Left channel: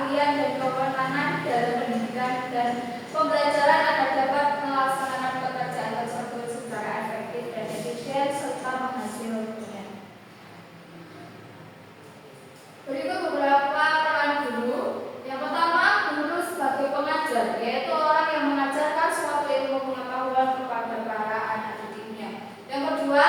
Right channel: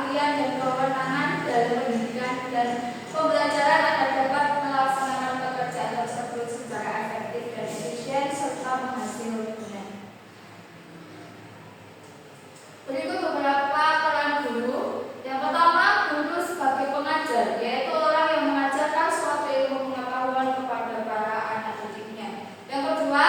keahlian dan kewenangan dalam pendidikan dan pembelajaran agar dapat melaksanakan pekerjaan tersebut secara efektif dan efisien serta menghasilkan. Berikut beberapa peran guru. Yang pertama, guru sebagai pengajar, yaitu orang yang mengajarkan suatu ilmu pengetahuan kepada para anak didiknya. Yang kedua,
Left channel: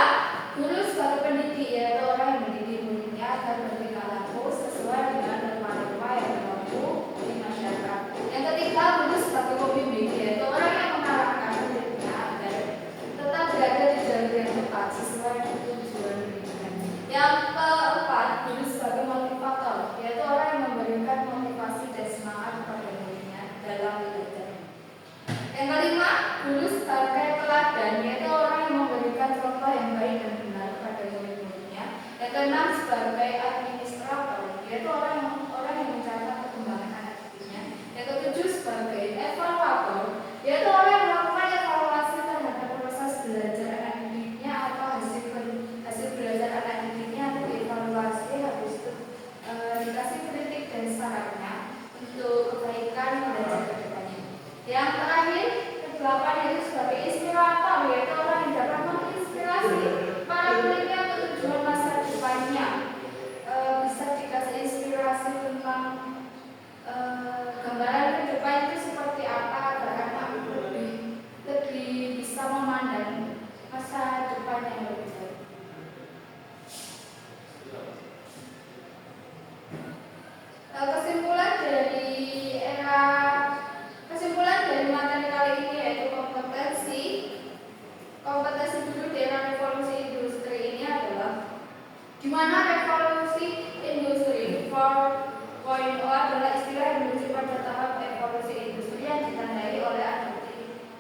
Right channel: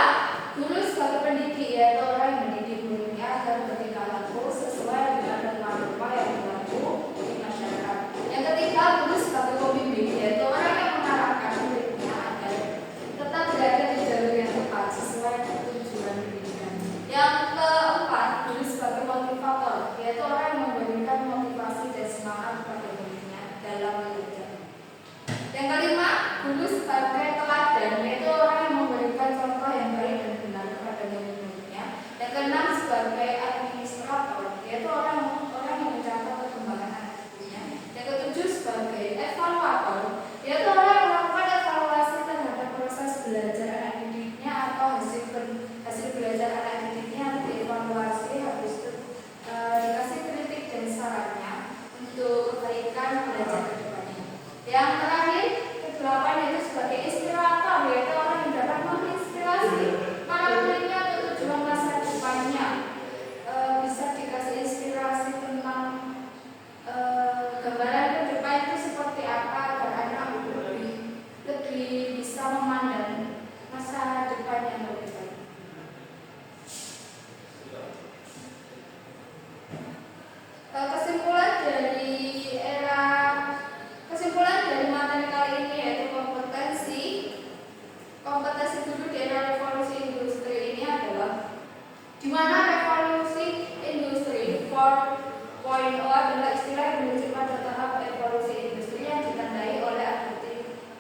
guru sebagai pendidik, yaitu orang yang mendidik muridnya agar bertingkah laku sesuai dengan norma-norma yang berlaku di masyarakat. Yang ketiga, guru sebagai pembimbing, yaitu orang yang mengarahkan muridnya agar tetap berada di jalur yang tepat sesuai tujuan pendidikan. Yang keempat, guru sebagai motivator, yaitu orang yang memberikan motivasi dan semangat kepada muridnya dalam belajar. Yang kelima, guru sebagai teladan, yaitu orang yang memberikan contoh yang baik dan benar kepada murid-muridnya. Yang keenam, sebagai administrator, yaitu orang yang mencatat perkembangan anak didiknya. Yang ketujuh, sebagai evaluator, yaitu orang yang melakukan evaluasi terhadap proses belajar anak didiknya atau hasil belajar anak didiknya untuk dievaluasi, habis itu dikasih kritik dan sarannya untuk kebaikan belajar ke depannya. Yang terakhir, kedelapan, yaitu sebagai inspirator, yaitu orang yang dapat menginspirasi para muridnya untuk tujuan masa depannya. Bisa dikasih inspirasi tentang gambaran ke depan itu seperti apa agar anak lebih bisa memandang masa depan yang lebih baik. Kesimpulan dari materi kali ini yaitu kompetensi guru di era revolusi industri ini adalah di mana revolusi industri 4.0 adalah istilah yang merujuk pada tahap evolusi industri yang ditandai oleh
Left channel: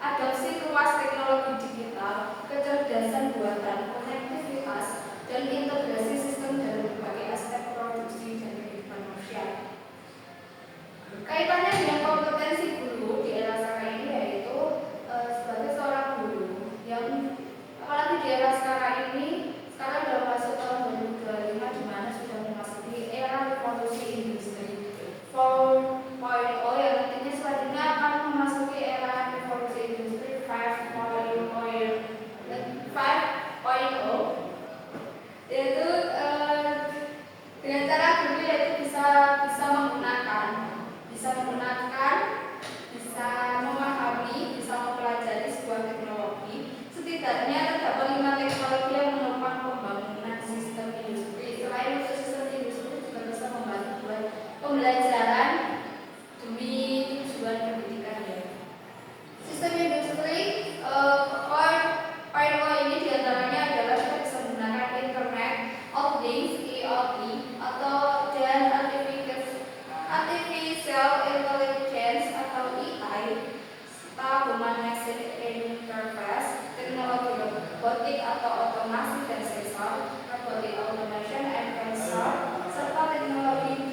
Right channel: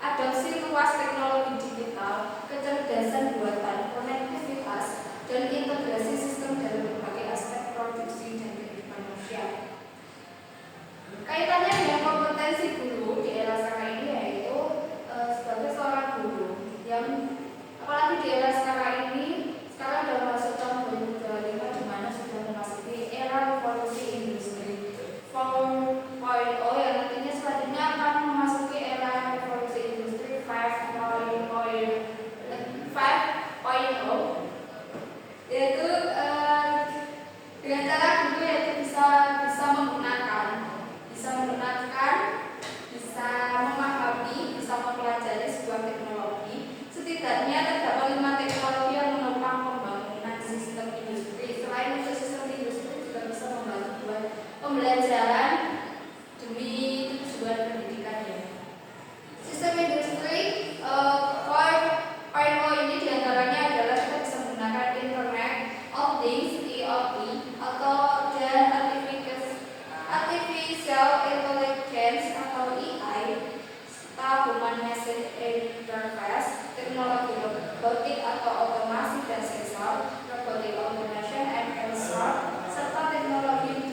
adopsi luas teknologi digital, kecerdasan buatan, konektivitas, dan integrasi sistem dalam berbagai aspek produksi dan kehidupan manusia. Kaitannya dengan kompetensi guru di era sekarang ini yaitu sebagai seorang guru yang apalagi di era sekarang ini, sekarang sudah masuk tahun 2025 di mana sudah memasuki era revolusi industri 4.0 yang nantinya selanjutnya akan memasuki era revolusi industri 5.0 yaitu dengan cara guru yaitu bisa memahami, bisa mempelajari sebuah teknologi. Setidaknya terdapat 5 teknologi yang menopang pembangunan sistem industri. Selain untuk sistem industri juga bisa membantu buat pembelajaran demi tujuan pendidikan ya. Sistem industri 4.0 ini diantaranya adalah kita bisa menggunakan Internet of Things (IoT) atau dan Artificial Intelligence atau AI, serta Human Machine Interface, teknologi robotik atau otomasi dan sensor, robotic automation and sensor, serta teknologi